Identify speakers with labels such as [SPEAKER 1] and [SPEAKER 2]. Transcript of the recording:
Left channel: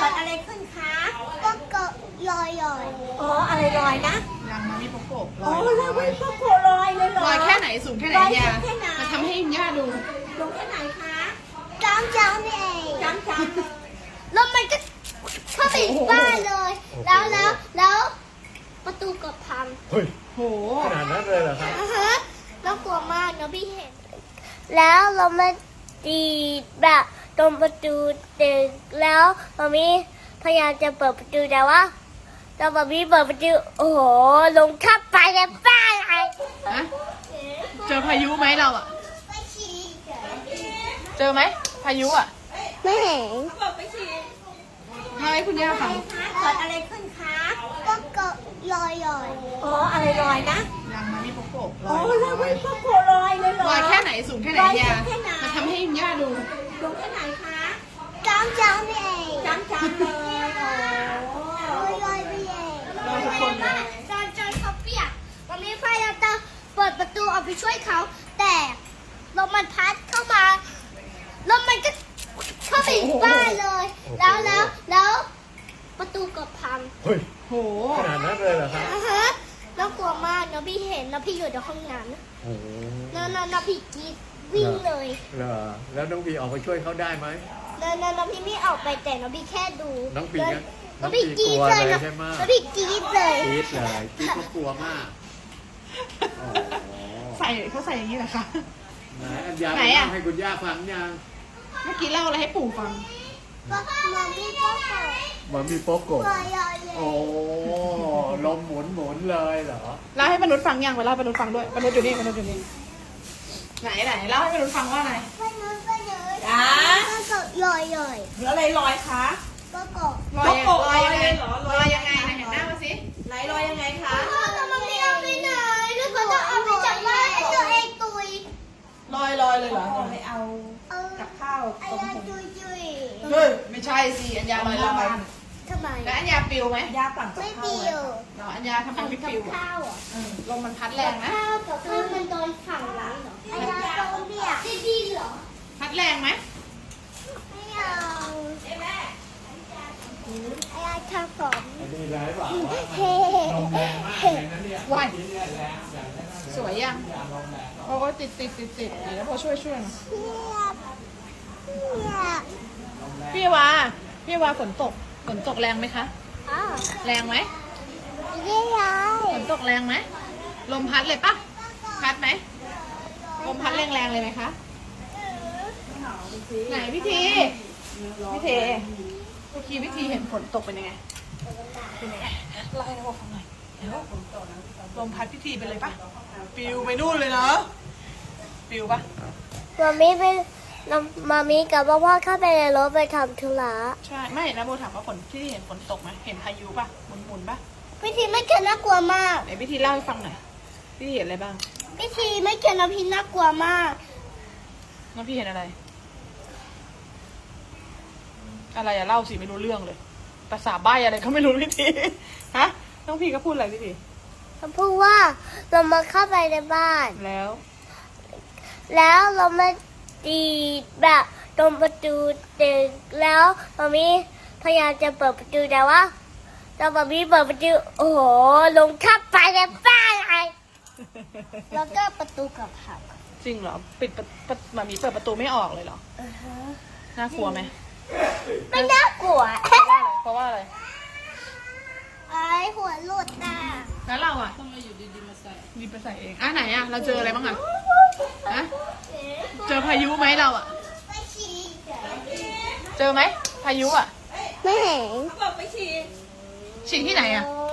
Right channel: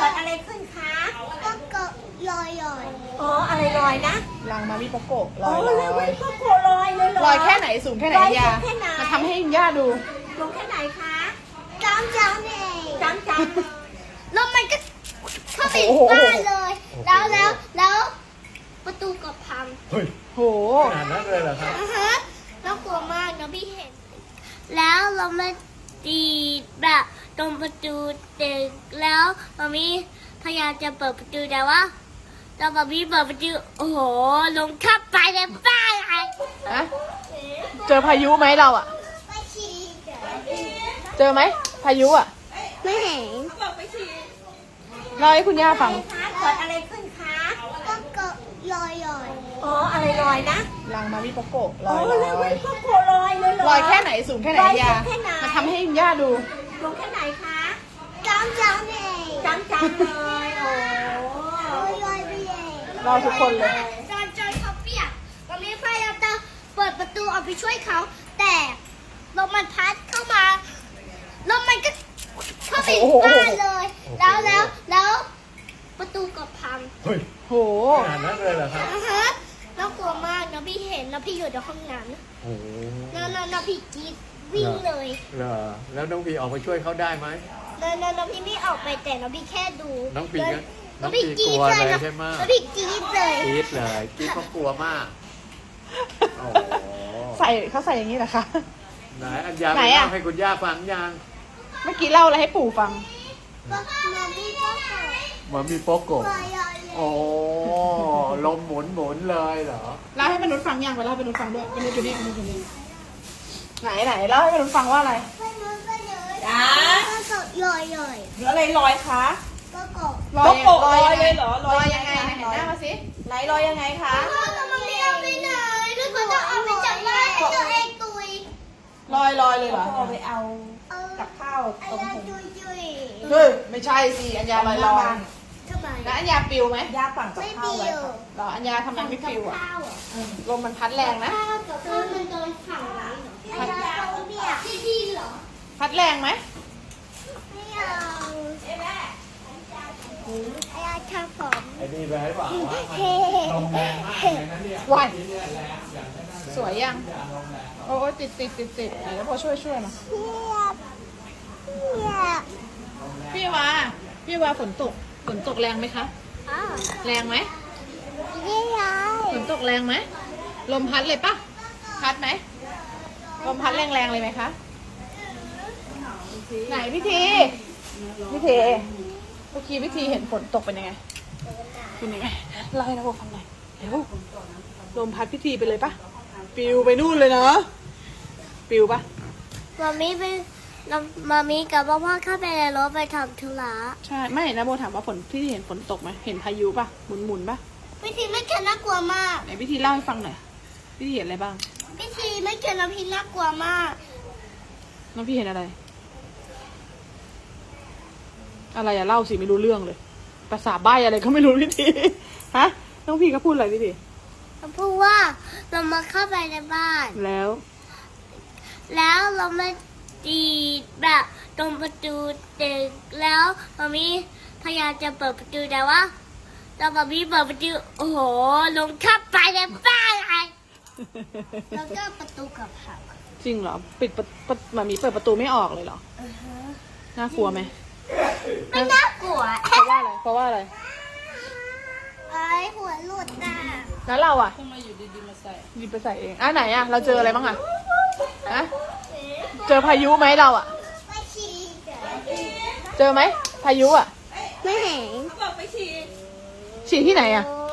[SPEAKER 1] กิดอะไรขึ้นคะ
[SPEAKER 2] ก็เกิดลอย
[SPEAKER 1] อ๋ออะไรลอยนะ
[SPEAKER 3] รังมาริโกโกะ
[SPEAKER 1] อ๋อแล้วเว้ยพ่อโกลอยเลยเหรอ
[SPEAKER 3] ลอยแค่ไหนสูงแค่ไหน
[SPEAKER 1] ลอย
[SPEAKER 3] ยา
[SPEAKER 1] สูงแค่ไหน
[SPEAKER 3] มาทำให้ย่าดู
[SPEAKER 1] ลงแค่ไหนคะ
[SPEAKER 2] จำนี่เอง
[SPEAKER 1] จำ
[SPEAKER 2] แล้วมันก็เข้าไปบ้านเลย แล้วประตูก็พัง
[SPEAKER 4] เฮ้ย
[SPEAKER 3] โห
[SPEAKER 4] ขนาดนั้นเลยเหรอครับ
[SPEAKER 2] แล้วกลัวมากนะพี่เห็น แล้วเรามาตีแบบตรงประตูตึกแล้วมามีพยายามจะเปิดประตูแต่ว่าตอนมามีเปิดประตูโอ้โหลงเข้าไปในบ้านเลย
[SPEAKER 3] นะเจอพายุไหมเราอ่ะ เจอไหมพายุอ่ะ
[SPEAKER 2] ไม่เห็น
[SPEAKER 3] เล่าให้คุณย่าฟัง
[SPEAKER 1] เกิดอะไรขึ้นคะ
[SPEAKER 2] ก็เกิดลอย
[SPEAKER 1] อ๋ออะไรลอยนะ
[SPEAKER 3] รังมาริโกโกะ
[SPEAKER 1] อ๋อแล้วเว้ยพ่อโกลอยเลยเหรอ
[SPEAKER 3] ลอยแค่ไหนสูงแค่ไหน
[SPEAKER 1] ลอยสู
[SPEAKER 3] ยาง
[SPEAKER 1] แค่ไหน
[SPEAKER 3] มาทำให้ย่าดู
[SPEAKER 1] ลงแค่ไหนคะ
[SPEAKER 2] จำนี่เอง
[SPEAKER 1] จำเลยโอ้
[SPEAKER 2] ลอยไปเอง
[SPEAKER 3] ลอยทุกคนเลย
[SPEAKER 2] จนเขาเปียกมามีพยายามจะเปิดประตูออกไปช่วยเขา แต่ลมมันพัดเข้ามาแล้วมันก็เข้าไปบ้านเลย แล้วประตูก็พัง
[SPEAKER 4] เฮ้ย
[SPEAKER 3] โห
[SPEAKER 4] ขนาดนั้นเลยเหรอครับ
[SPEAKER 2] แล้วกลัวมากนะพี่เห็นแล้วพี่อยู่ในห้องน้ำนะ
[SPEAKER 4] โอ้โห
[SPEAKER 2] แล้วพี่กรีดวิ่งเลย
[SPEAKER 4] เหรอแล้วน้องพีออกไปช่วยเขาได้ไหม
[SPEAKER 2] แล้วพี่ไม่ออกไปแต่แล้วพี่แค่ดู
[SPEAKER 4] น้องพีนะ
[SPEAKER 2] แล้วพี่กรีด
[SPEAKER 4] น้องพีกลัว
[SPEAKER 2] เลย
[SPEAKER 4] เลย
[SPEAKER 2] นะ
[SPEAKER 4] ใช่ไหม
[SPEAKER 2] แล้วพี่กรีดเลย
[SPEAKER 4] กรี๊ดเลยกรี๊ดเขากลัวมากโอ้โห
[SPEAKER 3] ใส่เขาใส่อย่างนี้เหรอคะ
[SPEAKER 4] ไหนอัญญา
[SPEAKER 3] ไหน
[SPEAKER 4] ไป
[SPEAKER 3] อะ
[SPEAKER 4] เล่าให้คุณย่าฟังยัง
[SPEAKER 3] เมื่อกี้เล่าอะไรให้ปู่ฟัง
[SPEAKER 2] ก็มันพี่ก็เกิด
[SPEAKER 4] เหมือนมีโป๊กโกะ
[SPEAKER 2] ลอยเลย
[SPEAKER 4] โอ้ลมหมุนหมุนเลยเหรอ
[SPEAKER 3] เล่าให้มนุษย์ฟังยังไปเล่าให้มนุษย์ฟังด้วยมนุษย์อยู่นี่มนุษย์อยู่นี่ไหนเล่าให้มนุษย์ฟังว่าอะไร
[SPEAKER 2] ไม่รู้ก็เยอะ
[SPEAKER 3] จ้า
[SPEAKER 2] ก็เกิดลอย
[SPEAKER 3] หรืออะไรลอยคะ
[SPEAKER 2] ก็เกิด
[SPEAKER 3] ลอยลอยเลยเหรอลอยยังไงไหนเห็นหน้ามาสิไหนลอยยังไงคะ
[SPEAKER 2] พ่อจะมาเรียนไปไหนแล้วก็จะเอาไปจากบ้านไอ้ตัวเองตุย
[SPEAKER 3] ลอยเลยเหรอเอาไปเอา
[SPEAKER 2] กับ
[SPEAKER 3] ข้าว
[SPEAKER 2] ไอ้
[SPEAKER 3] ต้ม
[SPEAKER 2] ยา
[SPEAKER 3] ผง
[SPEAKER 2] ตุย
[SPEAKER 3] เฮ้ยไม่ใช่สิอัญญาลอยบ้าน
[SPEAKER 2] ทำไม
[SPEAKER 3] แล้วอัญญาปิวไหมยาปั่น
[SPEAKER 2] ไม่ปิว
[SPEAKER 3] เหรออัญญาทำไมไม่ปิวอ่ะ
[SPEAKER 2] ข้าวอ่ะ
[SPEAKER 3] ลมมันพัดแรงนะ
[SPEAKER 2] ข้าวกับข้าวมันโดนขังร้านเหรอไอ้ยาโดนเบียร์ไม่ดีเหรอ
[SPEAKER 3] พัดแรงไหม
[SPEAKER 2] ไม่เอาไอ้ยาทำผม
[SPEAKER 4] ไอ้นี่แรงเปล่า
[SPEAKER 2] เฮ้
[SPEAKER 4] ลมแรงมากเลยนะเนี่ย
[SPEAKER 3] วายสวยยังโอ้ยติดไหนแล้วพอช่วยหน่อย พี่วาฝนตกแรงไหมคะ
[SPEAKER 2] อ๋อ
[SPEAKER 3] แรงไหม
[SPEAKER 2] นี่ไง
[SPEAKER 3] ฝนตกแรงไหมลมพัดเลยปะพัดไหมลมพัดแรงเลยไหมคะไหนพี่ทีเมื่อกี้พี่ทีเห็นฝนตกเป็นยังไงเป็นยังไงเล่าให้เราฟังหน่อยเห็นลมพัดพี่ทีไปเลยปะปิวไปนู่นเลยเนาะปิวปะ
[SPEAKER 2] มามีกับพ่อเข้าไปในรถไปทำธุระ
[SPEAKER 3] ใช่ไม่นะโบถามว่าพี่ทีเห็นฝนตกไหมเห็นพายุปะหมุนปะ
[SPEAKER 2] พี่ทีไม่เขียนน่ากลัวมาก
[SPEAKER 3] ไหนพี่ทีเล่าให้ฟังหน่อยพี่ทีเห็นอะไรบ้าง
[SPEAKER 2] พี่ทีไม่เขียนน้ำพี่น่ากลัวมาก
[SPEAKER 3] น้องพี่เห็นอะไรอะเล่าสิไม่รู้เรื่องเลยภาษาใบ้อะไรก็ไม่รู้พี่ทีฮะน้องพี่ก็พูดอะไรพี่ที
[SPEAKER 2] เขาพูดว่าเรามาเข้าไปในบ้าน
[SPEAKER 3] แล้ว
[SPEAKER 2] เรามาตีแบบตรงประตูตึกแล้วมามีพยายามจะเปิดประตูแต่ว่าตอนมามีเปิดประตูโอ้โหลงเข้าไปในบ้านเลยแล้วก็ประตูกับเขา
[SPEAKER 3] จริงเหรอปิดมามีเปิดประตูไม่ออกเลยเหรอน่ากลัวไหม
[SPEAKER 2] ไม่น่ากลัว
[SPEAKER 3] เพราะว่าอะไร
[SPEAKER 2] ไอ้หัวหลุดน่ะ
[SPEAKER 3] แล้วเราอ่ะมาอยู่ดีๆมาใส่ดีไปใส่เองไหนอ่ะเราเจออะไรบ้างอ่ะฮะเจอพายุไหมเราอ่ะ
[SPEAKER 2] ไม่ชี้
[SPEAKER 3] เจอไหมพายุอ่ะ
[SPEAKER 2] ไม่เห็น
[SPEAKER 3] ฉี่ที่ไหนอ่ะ
[SPEAKER 2] โอ้